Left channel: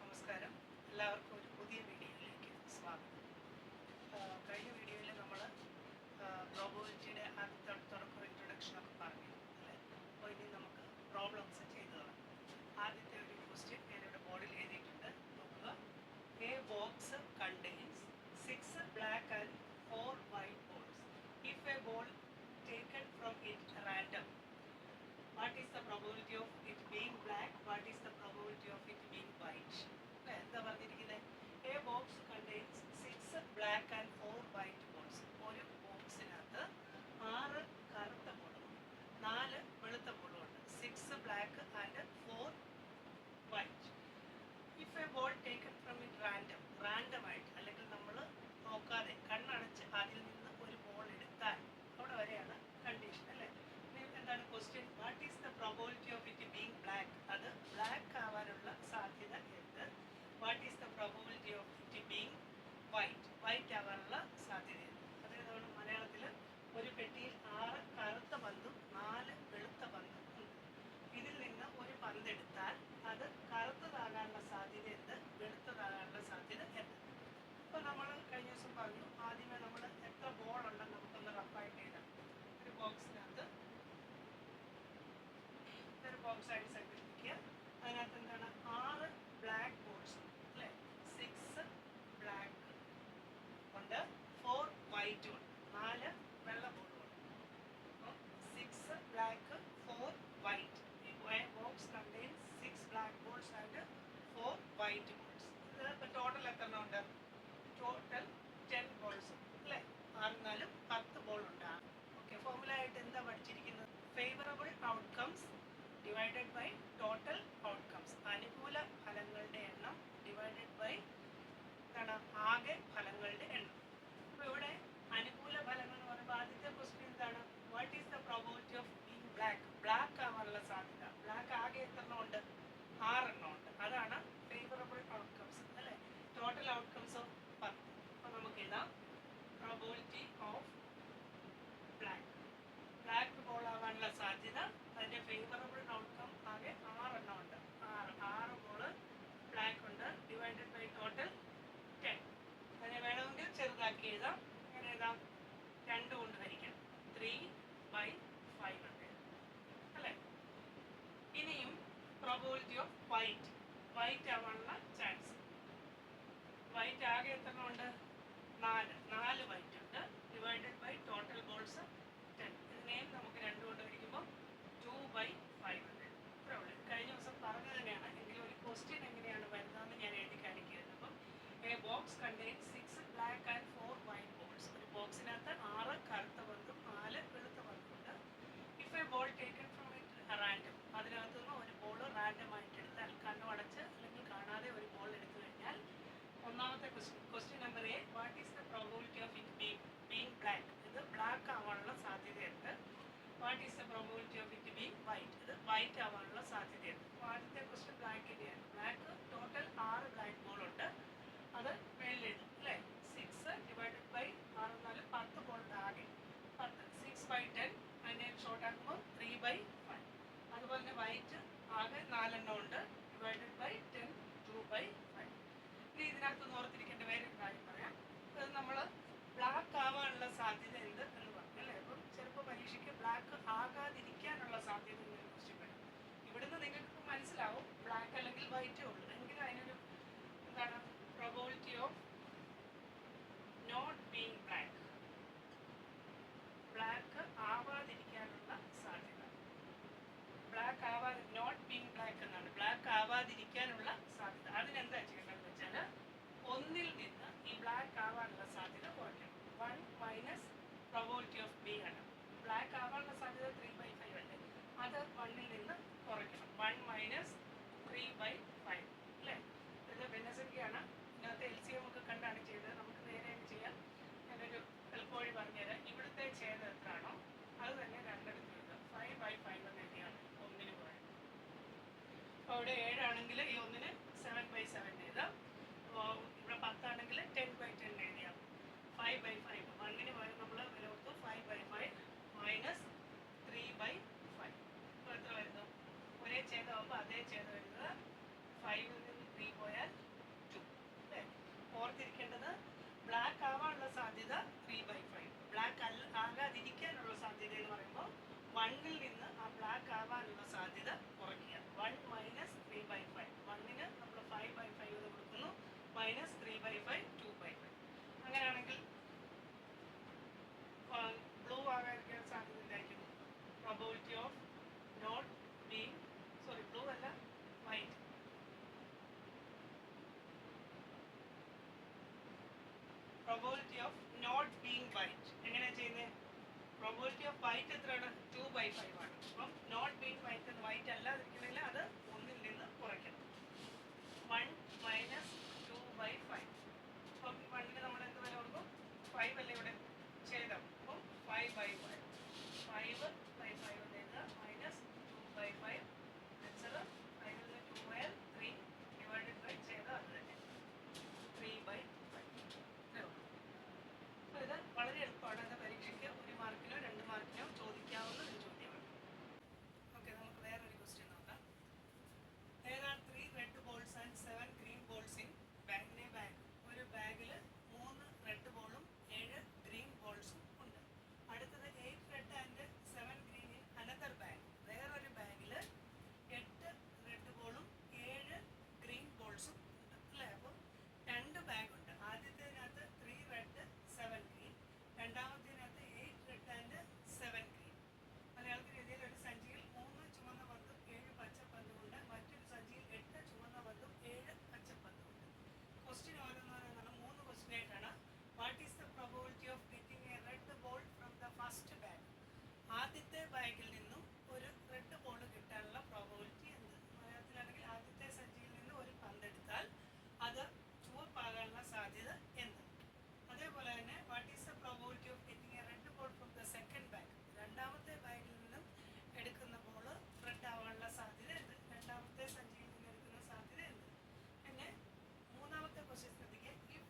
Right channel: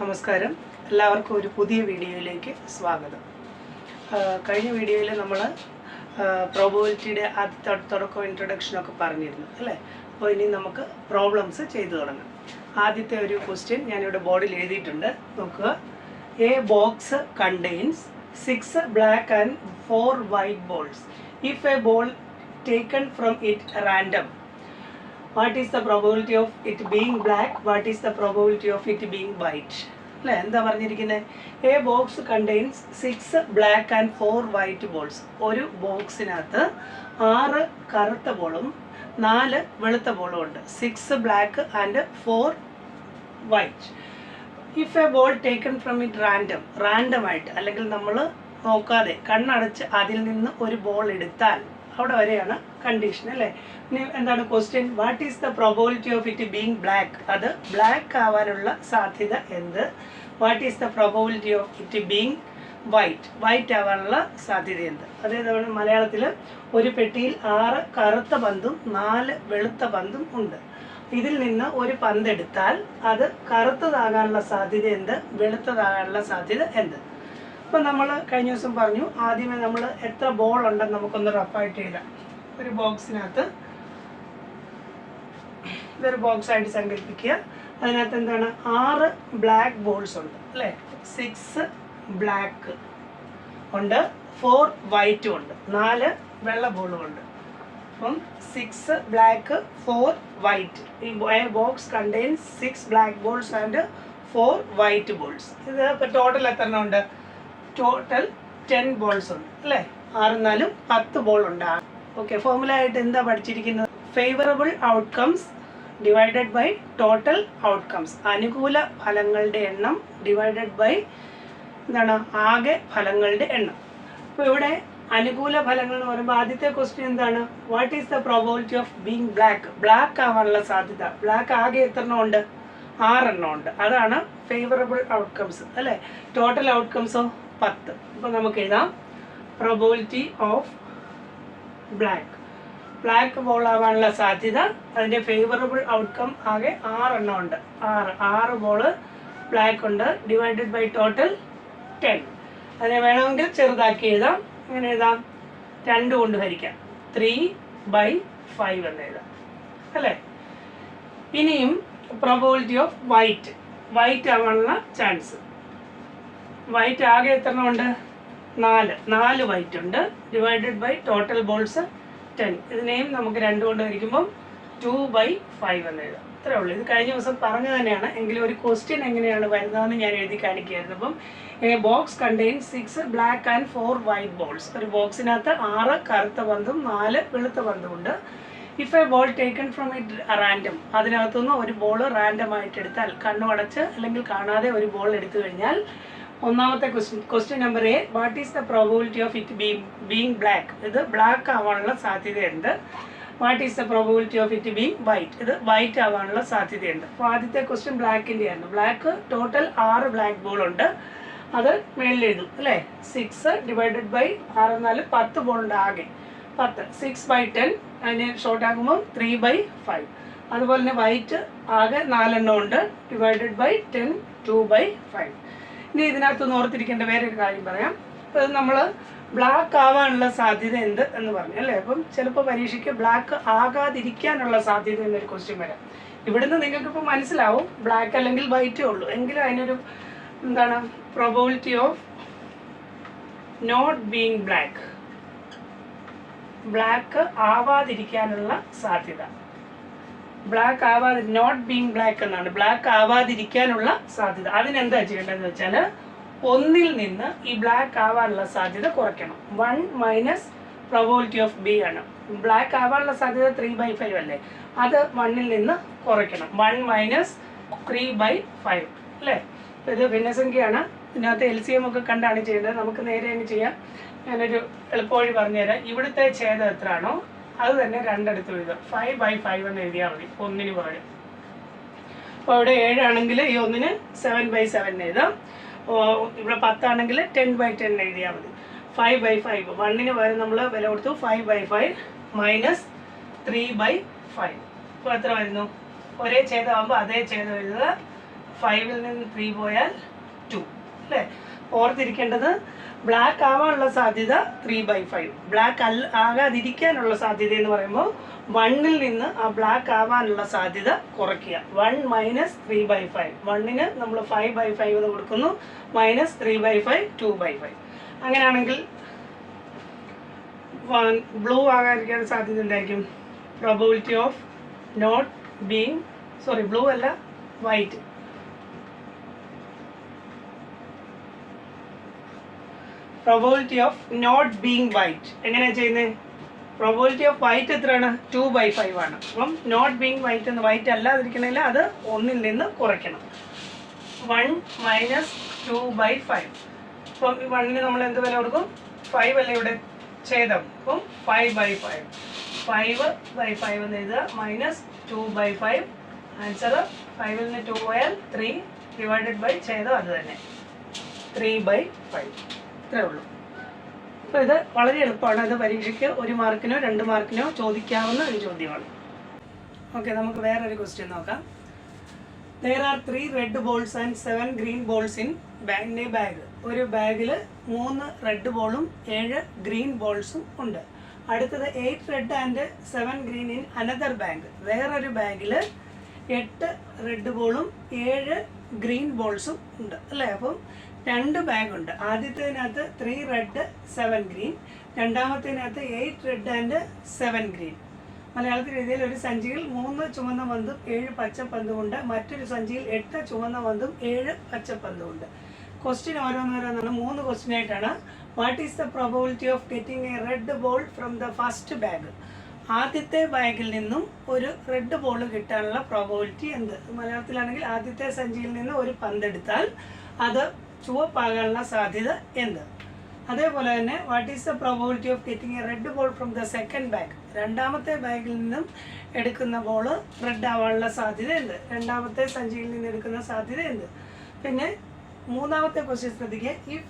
നമസ്കാരം. എല്ലാവർക്കും ഒരു പുതിയ വീഡിയോയിലേക്ക് സ്വാഗതം. കഴിഞ്ഞ വീഡിയോയിൽ നമ്മൾ പ്രോബബിലിറ്റിയുടെ ആദ്യത്തെ തുടക്കം ഇൻട്രൊഡക്ഷനൊക്കെ പറഞ്ഞിരുന്നു അല്ലേ. അപ്പോൾ ഇനി നമുക്ക് പ്രോബ്ലംസ് ചെയ്തു തുടങ്ങാം. ആദ്യത്തെ ഒരു ക്വസ്റ്റ്യൻ ഞാനിവിടെ ബോർഡിൽ എഴുതിയിട്ടുണ്ട്, നോക്കുക. A box contains 6 black and 4 white balls. If a ball taken from it random, what is the probability of it being black? What is the probability of it being white? അല്ലേ, എന്താ പറഞ്ഞിരിക്കുന്നത്? A box contains 6 black and 4 white balls. ഒരു ബോക്സിനകത്ത് 6 കറുത്ത ബോളും 4 വെളുത്ത ബോളും ഉണ്ട്. 6 black and 4 white. If A ball taken from it random ആയിട്ട്, അല്ലെങ്കിൽ നമ്മൾ നോക്കാതെ കണ്ണടച്ച് അതിൽ നിന്ന് ഒരു ബോൾ എടുത്താൽ, അവിടെ വരെയാണ് കണ്ടീഷൻ അല്ലേ. ഇനി എന്താണ് question? What is the probability of it being black? അത് ബ്ലാക്ക് ആവാനുള്ള സാധ്യത എന്ത്? What is the probability of it being white ആവാനുള്ള സാധ്യത എന്ത്? അതേപോലെ മലയാളത്തിൽ ഒരു പെട്ടിയിൽ 6 കറുത്ത പന്തും 4 വെളുത്ത പന്തും ഉണ്ട്. ഇതിൽ നിന്ന് ഒരു പന്ത് എടുത്താൽ അത് കറുത്തതാകാനുള്ള സാധ്യത എന്ത്? വെളുത്തതാകാനുള്ള സാധ്യത എന്ത്? അപ്പം നമ്മൾ കഴിഞ്ഞ ദിവസം പറഞ്ഞു, ആദ്യമേ നമ്മൾ എത്ര ബോൾ ഉണ്ടെന്ന് നമുക്കൊന്ന് റഫായിട്ട് എഴുതാം. ഒരു ബോക്സിനകത്ത് ഇതൊരു ബോക്സായിട്ട് സങ്കല്പിക്കുക. അതിനകത്ത് എന്താണ്? 6 ബ്ലാക്ക് ബോൾസ് ഉണ്ട് അല്ലേ. 6 ബ്ലാക്ക് ഉണ്ട്, 4 വൈറ്റും ഉണ്ട്, 4 വെള്ള ബോളും ഉണ്ട്. അപ്പം 6 ബ്ലാക്ക് 4 വൈറ്റ്. ഈ box contains 6 black balls and 4 white balls. ഇത് ഇപ്പോൾ ടോട്ടൽ എത്ര എണ്ണം ഉണ്ട്? ടോട്ടൽ 10 ബോൾസ് ഉണ്ട് അല്ലേ. 6 4 10 ബോൾ ഉണ്ട്. ഓക്കെ, ഫോർമുല ആയിട്ട് എന്താ പഠിച്ചിരിക്കുന്നത്? Favourable outcomes divided by total outcomes. അനുകൂല ഫലങ്ങളുടെ എണ്ണം ഡിവൈഡഡ് ബൈ എന്താണ്? ആകെ ഫലങ്ങളുടെ എണ്ണം. അപ്പോൾ ഇവിടെ അനുകൂല ഫലങ്ങൾ എന്ന് പറയുമ്പോൾ ആദ്യത്തെ ക്വസ്റ്റ്യൻ എന്താണ്? What is the probability of being black? Black ആവാനുള്ള സാധ്യത. ബ്ലാക്ക് ആകെ എത്ര എണ്ണം ഉണ്ട്? 6 എണ്ണം ഉണ്ട്. അതാണ് ഫേവറബിൾ ഔട്ട്കംസ് അല്ലേ. ടോട്ടൽ ഔട്ട്കംസോ 10. അപ്പോൾ നമുക്ക് എഴുതാം പ്രോബബിലിറ്റി ഓഫ് ബ്ലാക്ക് ബോൾ ആവാനുള്ള സാധ്യത, അതിൻ്റെ ഫേവറബിൾ ഔട്ട്കം ആകെ 6 എണ്ണം ഉണ്ട്. 6 ബോള് ബ്ലാക്ക് ഉണ്ട്, ഡിവൈഡഡ് ബൈ ടോട്ടൽ 10. അതിനെ വേണമെങ്കിൽ ചെറുതാക്കി എഴുതാം. ഇങ്ങനെ എഴുതാം, 2 കൊണ്ട് ഹരിക്കാം, 3/5 എന്ന് എഴുതാം അല്ലേ. ഇനിയും പ്രോബബിലിറ്റി ഓഫ് വൈറ്റ് ആവാനുള്ള ചാൻസ്. വൈറ്റ് ആകെ എത്ര എണ്ണം ഉണ്ട്? 4 വൈറ്റ് ഉണ്ട്, ഡിവൈഡഡ് ബൈ ടോട്ടൽ ബോൾസ് 10. ഇതിനെയും നമുക്ക് 2 കൊണ്ട് ഹരിക്കുമ്പം 2/5 എന്ന് എഴുതാം. ഇത്രേ ഉള്ളൂ. ഇത് കഴിഞ്ഞ ദിവസം പറഞ്ഞു തന്നെയാണ്, എങ്കിലും ഒരു ക്വസ്റ്റ്യൻ എങ്ങനെയാണ് വരുന്നതെന്ന് ഞാൻ എഴുതി കാണിക്കുകയായിരുന്നു. അപ്പം A box contains 6 black and 4 white balls. ഒരു ബോക്സിനകത്ത് 6 കറുത്ത പന്തും 4 വെളുത്ത പന്തും ഉണ്ട്. If A ball taken from it random, അതിനകത്തുനിന്ന് ഒരു ബോൾ റാൻഡം ആയിട്ട് എടുത്താൽ, കണ്ണു അടച്ച് അല്ലെങ്കിൽ കാണാതെ ഒരു ബോൾ എടുത്തു കഴിഞ്ഞാൽ, ഒന്നാമത്തെ question number A, what is the probability of it being black? ഇത് ബ്ലാക്ക് ആവാനുള്ള സാധ്യതയുണ്ട്. What is the probability of it being white? ഇത് വൈറ്റ് ആവാനുള്ള സാധ്യതയുണ്ട്. അപ്പോൾ ആദ്യത്തെ ക്വസ്റ്റ്യൻ ബ്ലാക്കിൻ്റെ ആയിരുന്നു. ബ്ലാക്ക് ടോട്ടൽ 6 ബ്ലാക്ക് ബോൾ ഉണ്ട്, അത് മേളിൽ എഴുതും അല്ലേ. 6 ഡിവൈഡഡ് ബൈ 6 4 10 ബോൾ ഉണ്ട് ആകെ. 10 6/10, അതിന് ഷോർട്ട് ആക്കുമ്പോൾ 3/5. അതുപോലെ തന്നെ വൈറ്റ് ആകെ 4 എണ്ണം ഉണ്ട്, ഡിവൈഡഡ് ബൈ 10 2/5. ഇനി ഇതിനകത്ത് ഓർത്തിരിക്കേണ്ട വേറൊരു കാര്യം പറയാം. അപ്പോൾ നമ്മൾ ബ്ലാക്ക് ആവാനുള്ള സാധ്യത എന്ത് എന്ന് പറഞ്ഞു അല്ലേ. അപ്പം ചിലപ്പോൾ പരീക്ഷയ്ക്ക് ബ്ലാക്ക് ആകാതിരിക്കാനുള്ള സാധ്യത എന്നൊരു ക്വസ്റ്റ്യൻ വരാം. ഇവിടുന്ന് നിങ്ങൾക്കിപ്പോൾ മനസ്സിലാവും ബ്ലാക്ക് അല്ലെങ്കിൽ വൈറ്റേ ഉള്ളൂ. എങ്കിലും അതിനൊരു എന്താണ്? Probability of not being black ആവാതിരിക്കാനുള്ള സാധ്യത. നോട്ട് ബീങ് ബ്ലാക്ക് എന്നാണ്, ബ്ലാക്ക് ആവാതിരിക്കാനുള്ള സാധ്യത. അതിനെന്താ ചെയ്യേണ്ടതെന്ന് വെച്ചാൽ, 1ൽ നിന്ന് ഈ ബ്ലാക്ക് ആവാനുള്ള സാധ്യത കുറയ്ക്കണം. 1 മൈനസ് പ്രോബബിലിറ്റി ഓഫ് ബി ആണ്. ബ്ലാക്ക് ആവാനുള്ള സാധ്യത 3/5 അല്ലേ, അത് 1ൽ നിന്ന് കുറയ്ക്കണം. 1 മൈനസ് 3/5 അല്ലേ. ഇത് ഭിന്നസംഖ്യയാണ്. ഇതിനകത്ത് LCM ഒക്കെ കണ്ടാണ് ചെയ്യേണ്ടത്. നമുക്ക് നേരെ അങ്ങ് ചെയ്യാം. ഞാനൊരു എളുപ്പവഴി പറഞ്ഞുതരാം. ഇവിടുത്തെ ഛേദം എത്രയാണോ അത് തന്നെ 2 എടുത്ത് എഴുതാം. 5/5 എന്ന് എഴുതിയാൽ മതി, 1ന് പകരം. അപ്പോൾ ഇവിടെ 7 ആണെങ്കിൽ ഈ 1ന് 7/7 എഴുതാം. ഇവിടെ 10 ആണെങ്കിൽ 10/10 എഴുതിയാൽ മതി. 5/5, 1ന് പകരം നമ്മൾ വില കൊടുത്തു. 5/5 മൈനസ് 3/5. അപ്പോൾ എത്ര വരുന്നു? ഒരേ ഛേദമാകുമ്പോൾ അതേ ഛേദം എഴുതുക. 5-ൽ നിന്ന് 3 പോയാൽ 2 അല്ലേ? ഓർത്തിരിക്കേണ്ടത് ബ്ലാക്ക് ആവാനുള്ള സാധ്യത 3/5. ബ്ലാക്ക് ആകാതിരിക്കാനുള്ള സാധ്യത എന്ന് പറയുമ്പോൾ 1-ൽ നിന്ന് ആ ബ്ലാക്ക് ആവാനുള്ള സാധ്യത കുറയ്ക്കുക. 1 - 3/5. 1-ന് നമ്മൾ 5/5 എന്ന് കൊടുക്കുന്നു, -3/5 2/5. അങ്ങനെയാണെങ്കിൽ ബ്ലൂ ആകാതിരിക്കാൻ സാധ്യത എന്തായിരിക്കും? Probability of not being blue അല്ല, white. Probability of not being white എങ്ങനെയാണ് ചെയ്യുന്നത്? പ്രോബബിലിറ്റി ഓഫ് വൈറ്റ് എത്രയാണ്? 2/5 ആണ്. അപ്പം നോട്ട് ബീങ് വൈറ്റ് എന്ന് വൈറ്റ് അല്ലാതിരിക്കണമെങ്കിൽ അത് 1-ൽ നിന്ന് കുറയ്ക്കണം. 1 - 2/5. അപ്പം 1-ന് നമ്മൾ എന്ത് വില കൊടുക്കും? 5 അല്ലേ ഇവിടെ ഛേദം. അപ്പം 5/5. 5/5 എന്ന് എഴുതുക, -2/5. ആൻസർ 5-ൽ നിന്ന് 2 പോയാൽ 3 / ഛേദം അത് തന്നെ 3/5. ഇത്രേ ഉള്ളൂ. അപ്പോൾ ഇത് വളരെ എളുപ്പമാണ്. ഇത് പരീക്ഷയ്ക്ക് 1 മാർക്കിനോ 2 മാർക്കിനോ ചോദിക്കാവുന്ന ഒരു ചോദ്യമാണ്. ഓക്കെ, നമുക്ക് വേറൊരു ക്വസ്റ്റ്യൻ നോക്കാം. There are 3 red balls and 7 green balls in a bag. ഒരു ബാഗിൽ 3 റെഡ് ബോളും 7 ഗ്രീൻ ബോൾസും ഉണ്ട്. അടുത്തത് 8 red and 7 green in another bag. വേറൊരു ബാഗിൽ 8 റെഡ് ബോളും 7 ഗ്രീൻ ബോൾസും ഉണ്ട് അല്ലേ? അപ്പം 2 ബാഗുണ്ട്. ആദ്യത്തേതിനകത്ത് 3 റെഡ് 7 ഗ്രീൻ, രണ്ടാമത്തേതിനകത്ത് 8 റെഡ് ആൻഡ് 7 ഗ്രീൻ. മലയാളത്തിൽ എഴുതിയാൽ ഒരു സഞ്ചിയിൽ 3 ചുവന്ന പന്തും 7 പച്ചപ്പന്തുമുണ്ട്. മറ്റൊരു സഞ്ചിയിൽ 8 ചുവന്ന പന്തും 7 പച്ചപ്പന്തുമുണ്ട്. ക്വസ്റ്റ്യൻ ഓരോന്നോരോന്നാണ്, 3 ക്വസ്റ്റ്യൻ ആയിട്ടാണ്. What is the probability of getting A red ball from the first bag? ആദ്യത്തെ ബാഗിൽ നിന്നും ഒരു റെഡ് ബോൾ കിട്ടാനുള്ള പ്രോബബിലിറ്റി എന്ത്? മലയാളത്തിലാണെങ്കിൽ ആദ്യത്തെ സഞ്ചിയിൽ നിന്ന് ഒരു പന്തെടുത്താൽ അത് ചുവപ്പാകാനുള്ള സാധ്യത എന്ത്? അതേപോലെ തന്നെ what is the probability of getting A red ball from the second bag? രണ്ടാമത്തെ ബാഗിൽ നിന്നും എടുക്കുന്ന ബോൾ റെഡ് ആവാനുള്ള സാധ്യത എന്ത്? രണ്ടാമത്തെ സഞ്ചിയിൽ നിന്ന് എടുക്കുന്ന സാധ്യത എന്ത്? പിന്നെ മൂന്നാമത്തെ ക്വസ്റ്റ്യൻ ശ്രദ്ധിക്കുക. If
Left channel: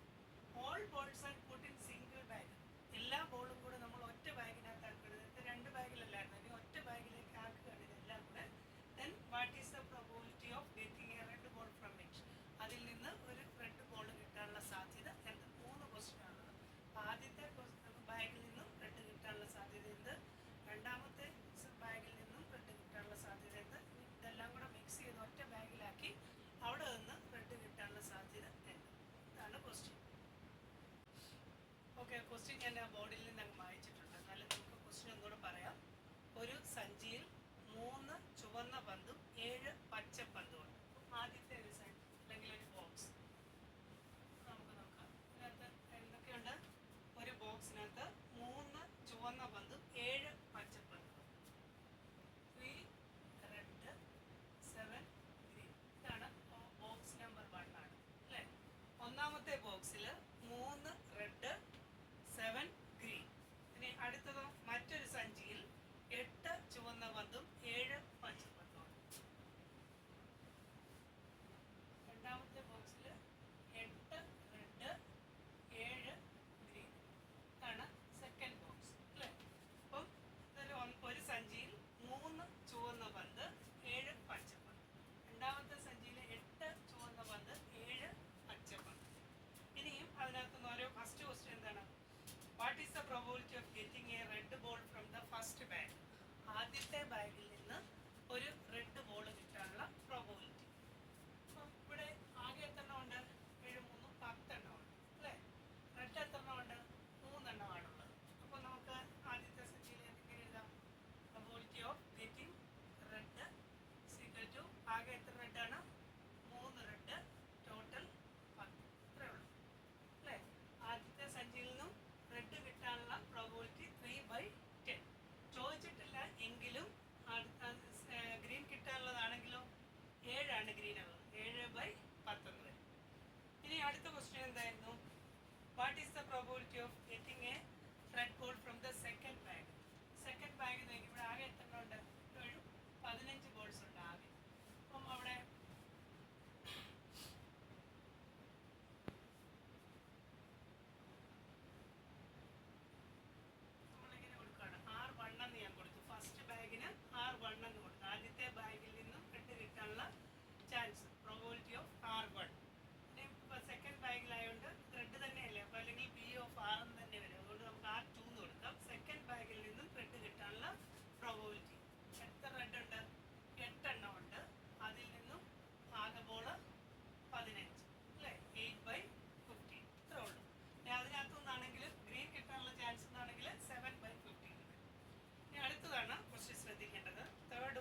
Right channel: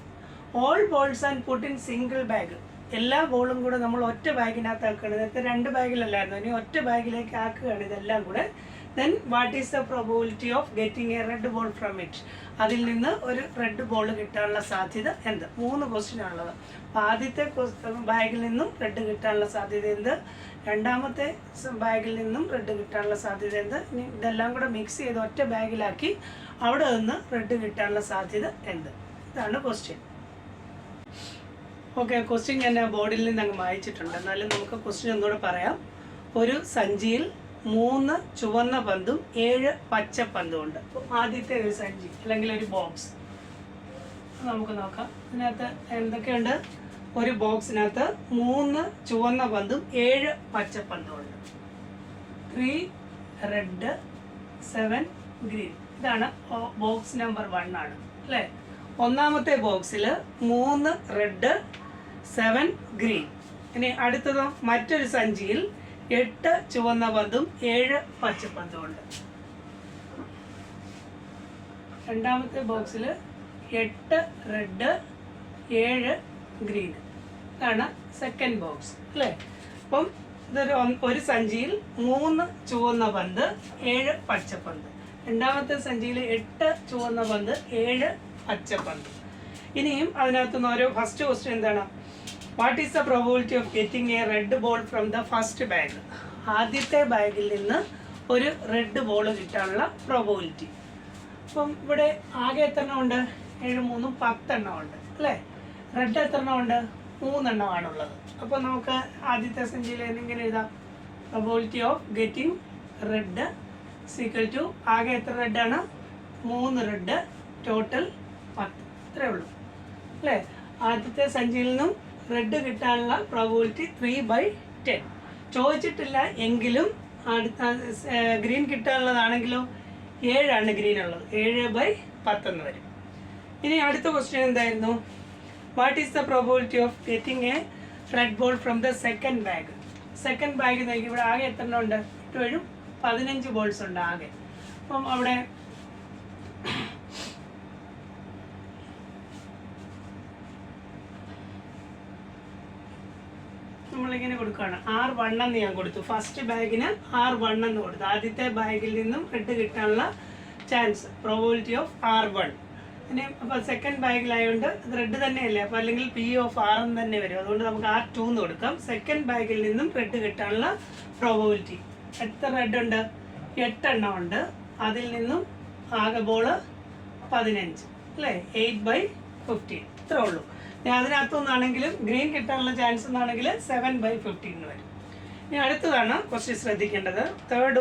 all balls and put in single bag, എല്ലാ ബോളും കൂടെ നമ്മൾ ഒറ്റ ബാഗിനകത്ത് ആക്കുകയാണ്. നേരത്തെ 2 ബാഗിലല്ലായിരുന്നു, ഇനി ഒറ്റ ബാഗിലേക്ക് ആക്കുകയാണ് ഇതെല്ലാം കൂടെ. Then what is the probability of getting A red ball from it? അതിൽ നിന്ന് ഒരു റെഡ് ബോൾ കിട്ടാനുള്ള സാധ്യത എന്ത്? 3 ക്വസ്റ്റ്യൻ ആണുള്ളത്. അപ്പോൾ ആദ്യത്തെ ബാഗിൽ നിന്നും റെഡ് കിട്ടാനുള്ള സാധ്യത എന്ത്? രണ്ടാമത്തെ ബാഗിൽ നിന്നും റെഡ് കിട്ടാനുള്ള സാധ്യത എന്ത്? ഇനി ഇതെല്ലാം കൂടെ മിക്സ് ചെയ്ത് ഒറ്റ ബാഗിലാക്കി അവിടെ നിന്ന് റെഡ് കിട്ടാനുള്ള സാധ്യത എന്ത്? ഇതാണ് ക്വസ്റ്റ്യൻ. ഓക്കെ, ക്വസ്റ്റ്യൻ ഞാൻ ബോർഡിൽ നിന്ന് അങ്ങ് വായിച്ചിട്ടുണ്ട്. എന്നാലും നമുക്ക് ക്വസ്റ്റ്യൻ ഒന്നുകൂടെ പറയാം. ഒരു സഞ്ചിയിൽ 3 ചുവന്ന പന്തും 7 പച്ച പന്തും ഉണ്ട്. അപ്പോൾ ആദ്യത്തെ ഒരു സഞ്ചി അല്ലെങ്കിൽ ഒരു ബോക്സ് നമുക്ക് നോക്കാം. ഇതിനകത്ത് എന്തൊക്കെയുണ്ട്? ഒരു ബോക്സിനകത്ത് 3 ചുവന്ന പന്തും 7 പച്ച പന്തും ഉണ്ട്. 3 റെഡ് 7 ഗ്രീൻ. ഇതാണ് ബോക്സ് നമ്പർ 1 ആണ് അല്ലേ? ഒന്നാമത്തെ ബോക്സിൽ 3 റെഡ് 7 ഗ്രീൻ. ഇനി അടുത്തതോ മറ്റൊരു സഞ്ചിയിൽ 8 ചുവന്ന പന്തും 7 പച്ചപ്പന്തും ഉണ്ട്. രണ്ടാമത്തെ ബോക്സിൽ 8 റെഡ് 7 ഗ്രീൻ. ഇതാണ് സെക്കൻഡ് ബോക്സ് അല്ലേ? അപ്പം ഒരു സഞ്ചിയിൽ 3 ചുവന്ന പന്ത് 7 പച്ചപ്പന്ത്. രണ്ടാമത്തെ സഞ്ചിയിൽ 8 ചുവന്ന പന്ത് 7 പച്ചപ്പന്ത്. ഇനിയും അതിനകത്ത് നിന്ന് ഓരോ ഫസ്റ്റ് ക്വസ്റ്റ്യൻ എന്താണ്? What is the probability of getting A red ball from the first bag? ആദ്യത്തെ ബാഗിൽ നിന്ന് ഒരു റെഡ് ബോൾ കിട്ടാനുള്ള പ്രോബബിലിറ്റി. അപ്പം ഇവിടെ ആകെ എത്ര എണ്ണം ഉണ്ട്? 7 3 10 എണ്ണം ഉണ്ട് അല്ലേ? റെഡ് എത്ര എണ്ണം ഉണ്ട്? 3 എണ്ണമാണുള്ളത്. അപ്പോൾ നമുക്ക് ആദ്യത്തെ സഞ്ചിയിൽ എങ്ങനെ എഴുതാം? Probability of getting red equal to ആകെ എത്ര റെഡാണ്? 3 റെഡ്, ടോട്ടൽ 10. ഇത്രേ ഉള്ളൂ അല്ലേ? ആദ്യത്തെ സഞ്ചിയിൽ നിന്നും റെഡ് കിട്ടാനുള്ള പ്രോബബിലിറ്റി 3/10. ചോദിച്ചിട്ടില്ല എങ്കിലും അടുത്ത ഗ്രീൻ കിട്ടാനുള്ളതാണെങ്കിലോ 7 ആണ് ഗ്രീൻ ഉള്ളത്. 7/10 എന്ന് വരും. ഇനി അടുത്ത ക്വസ്റ്റ്യൻ എന്തായിരുന്നു? What is the probability of getting A red ball from the second bag? Second bag നോക്കി ഇവിടെ ആകെ എത്ര എണ്ണം ഉണ്ട്? ഇപ്പോഴും 15 ബോൾസ് ഉണ്ട് ആകെ. അപ്പം അവിടെ നമ്മളിങ്ങനെ കൊടുക്കുകയാണ്. R1 എന്ന് ഞാൻ കൊടുത്തു. ഫസ്റ്റ് ബാഗിന് R1 എന്ന് കൊടുത്തു. ആദ്യത്തെ ബാഗിൽ നിന്നും റെഡ് കിട്ടാനുള്ള ചാൻസ് പ്രോബിലിറ്റി ഓഫ് R1. പിന്നെ അപ്പോൾ സെക്കൻഡ് ബാഗിലായതുകൊണ്ട് റെഡ് തന്നെയല്ലേ, അപ്പോൾ അല്ലെങ്കിൽ P ഓഫ് R എന്ന് തന്നെ വരും. അതുകൊണ്ട് നമുക്ക് R2 എന്ന് കൊടുക്കാം. സെക്കൻഡ് ബാഗിൽ നിന്നും റെഡ് കിട്ടാനുള്ള പ്രോബിലിറ്റി എത്ര റെഡ് ഉണ്ട്? 8 എണ്ണം ഉണ്ട്. അതിൽ നിന്നും ആകെ ബോൾ 15 അല്ലേ, 8/15 ഇത്രേ ഉള്ളൂ. ഇനി അതിനകത്തുനിന്നാണെങ്കിലും ഗ്രീൻ കിട്ടാനുള്ള ചാൻസ് എന്നാണെങ്കിൽ 7/15 വരും. ഇനി അടുത്തതാണ് കുറച്ച് ശ്രദ്ധിക്കേണ്ടത്. Third,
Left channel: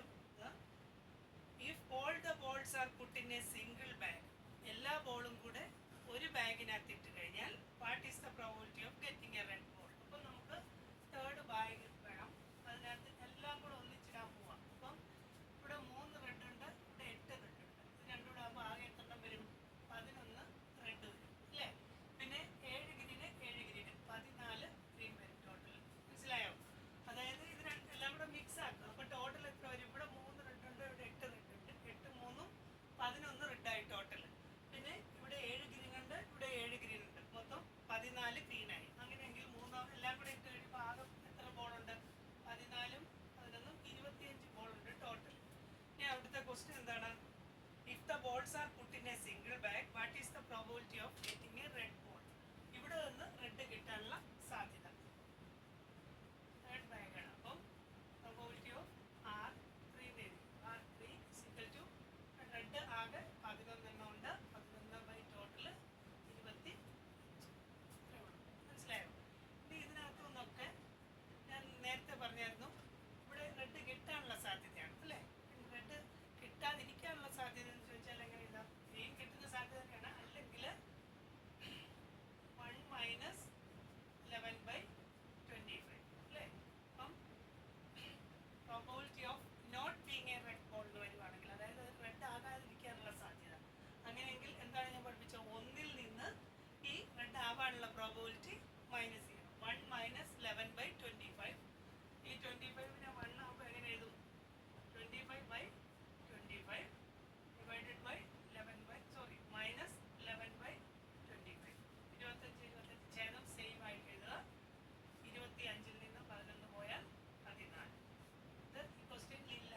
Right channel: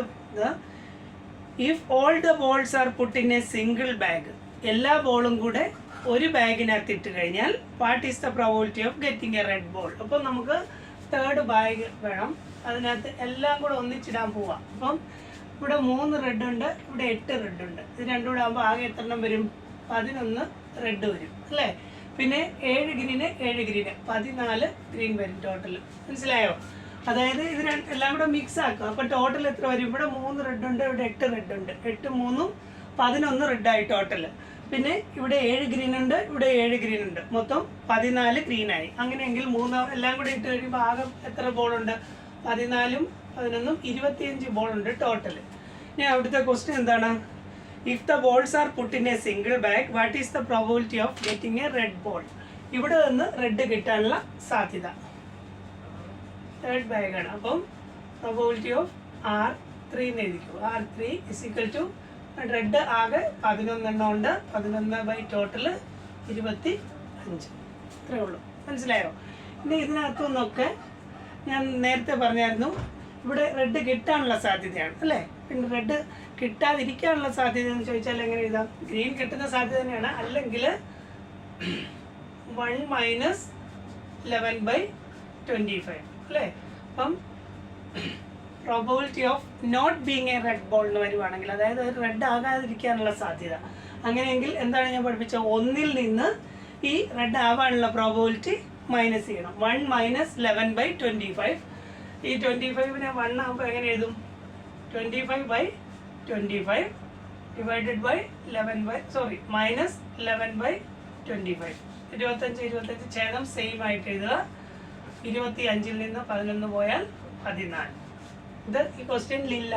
if all the balls R put in A single bag, എല്ലാ ബോളും കൂടെ ഒരു ബാഗിനകത്ത് ഇട്ട് കഴിഞ്ഞാൽ what is the probability of getting A red ball? അപ്പം നമുക്ക് തേർഡ് ബാഗ് വേണം, അതിനകത്ത് എല്ലാം കൂടെ ഒന്നിച്ചിടാൻ പോവാം. അപ്പം ഇവിടെ 3 റെഡ് ഉണ്ട്, ഇവിടെ 8 റെഡ് ഉണ്ട്. ഇത് രണ്ടും കൂടെ ആകുമ്പോൾ ആകെ എത്ര എണ്ണം വരും? 11 റെഡ് വരും അല്ലേ. പിന്നെ 7 ഗ്രീന് 7 ഗ്രീന് 14 ഗ്രീൻ വരും ടോട്ടൽ. മനസ്സിലായോ? അതായത് ഇത് എല്ലാം കൂടെ മിക്സ് ആക്കുക. അപ്പോൾ ടോട്ടൽ എത്ര വരും? ഇവിടെ 3 റെഡ് ഉണ്ട്, ഇവിടെ 8 റെഡ് ഉണ്ട്. 8 3 11 റെഡായി ടോട്ടൽ. പിന്നെ ഇവിടെ 7 ഗ്രീൻ ഉണ്ട്, ഇവിടെ 7 ഗ്രീൻ ഉണ്ട്. മൊത്തം 14 ഗ്രീനായി. അങ്ങനെയെങ്കിൽ 3 എല്ലാം കൂടെ ഇട്ട് കഴിയുമ്പോൾ ആകെ എത്ര ബോളുണ്ട്? 14 11 25 ബോളുണ്ട് ടോട്ടൽ. ഇനി അവിടുത്തെ ക്വസ്റ്റ്യൻ എന്താണ്? If the balls R put in A single bag what is the probability of getting A red ball? ഇവിടെ നിന്ന് റെഡ് കിട്ടാനുള്ള സാധ്യത തേർഡ് ബാഗാണ്. അപ്പം പ്രോബിലിറ്റി ഓഫ് R3 എന്ന് എഴുതിക്കൂ. R3 = റെഡ് ആകെ 11 എണ്ണം ഉണ്ട്. 11 ടോട്ടൽ 25. ഇത്രേ ഉള്ളൂ. മനസ്സിലായോ? ഇനി ഇതിനകത്തുനിന്നൊക്കെ ഞാൻ നേരത്തെ പറഞ്ഞായിരുന്നു ഇവിടെ റെഡ് കിട്ടാനുള്ള സാധ്യതയാണ് അല്ലേ. പിന്നെ റെഡ് കിട്ടാതിരിക്കാനുള്ള സാധ്യത എന്ന് ചോദിച്ചാൽ എങ്ങനെ എഴുതാം? ഗ്രീൻ കിട്ടുന്ന സാധ്യത തന്നെയാണ്. അല്ലെങ്കിൽ 1 - 11/25 അല്ലേ. അപ്പം probability of not being a red ball എന്ന് വരുവാണെങ്കിൽ, അതായത് ഒരു റെഡ് ആകാതിരിക്കാനുള്ള സാധ്യത, അങ്ങനെയെങ്കിൽ എന്താണ് ഞാൻ പഠിപ്പിച്ചത്? 1-ൽ നിന്ന് ഈ റെഡ് ആവാനുള്ള പ്രോബിലിറ്റി മൈനസ് ചെയ്യണം. 1 - 11/25. ഈ 25നെ 1 ആകുമ്പോൾ എങ്ങനെ എഴുതും? 25/25 ഡിവൈഡഡ് ബൈ 11/, മൈനസ് 11/25. 25 ഛേദം സെയിം ആയിട്ട് എഴുതുക. 25-ൽ നിന്ന് 11 പോയാൽ 14. ഇത് ഈ ക്വസ്റ്റ്യനിലില്ല,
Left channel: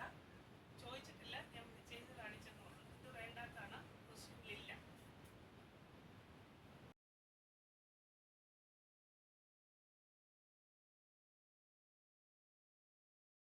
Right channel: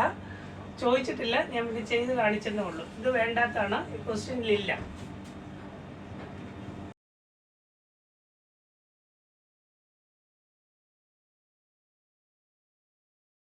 ചോദിച്ചിട്ടില്ല, ഞാൻ ഇത് ചെയ്ത് കാണിച്ചെന്നേ ഉള്ളൂ. ഇത് വേണ്ടാത്താണ്, ഈ ക്വസ്റ്റ്യനിലില്ല.